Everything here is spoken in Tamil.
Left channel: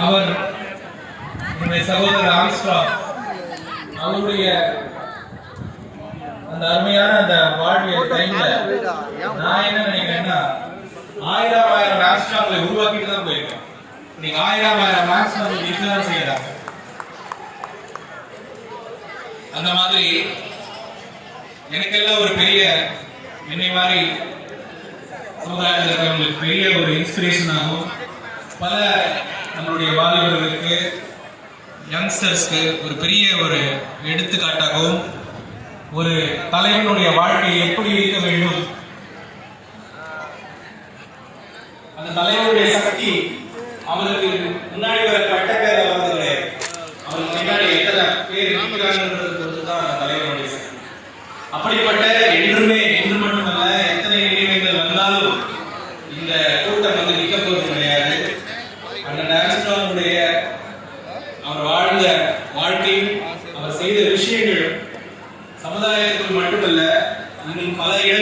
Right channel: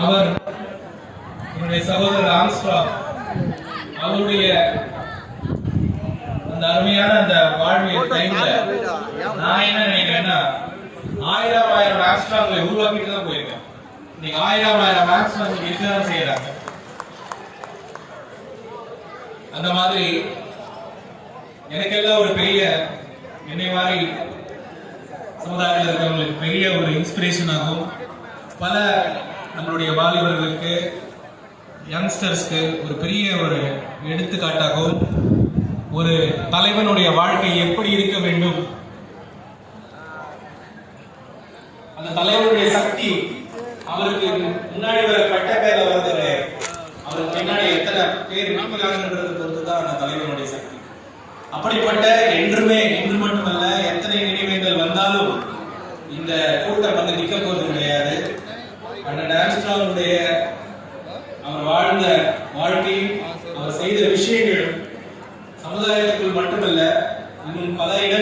அவர் என்னுடைய சகோதரர் ஆம்ஸ்ட்ராங் அவருடைய அந்த அருமையான அந்த வாழ்வியல் டைம்ல நான் என்ன நினைக்கிறேன்னா 1000 ஆம்ஸ்ட்ராங்களை உருவாக்கிட்டு தான் போயிருக்கேன். நீங்க 1000 ஆம்ஸ்ட்ராங் இப்பதான் செய்யறாங்க. அந்த மாதிரி எனக்கெல்லாம் ஒரு பெரிய என்னை மாதிரி சமுதாயத்தில் இருக்கிறவங்களுக்கு பெரிய ஒரு இன்ஸ்பிரேஷன் ஆகும். பல நம்மளுடைய வாலிபர்களுக்கு யங்ஸ்டர்ஸ்க்கு ஒரு பெரிய ஒரு எடுத்துக்காட்டாகவும் ஒரு தலைவனுடைய வாழ்க்கை எப்படி இருக்க வேண்டும், அந்த தலைவனுடைய சக்தி அவருக்கு முன்னாடி வர பட்ட பேரை வந்து கிடையாது, அவருக்கு முன்னாடி எத்தனை பேர் இருக்கிறாங்கன்றது பொறுத்து தான் அந்த தலைவனுடைய சக்தி. அப்படிப்பட்ட என்று மட்டுமல்ல எத்தனை நினைவுகள் வந்தாலும் இந்த கூட்டம் வந்து நிற்க போறது கிடையாது. அண்ணன் ஆம்ஸ்ட்ராங்குடைய அவர் வாழ்ந்த வாழ்க்கையும் அவர் செய்த விஷயங்களும் சமுதாயத்துக்குள் மட்டுமல்ல இன்னும் பல இடங்கள்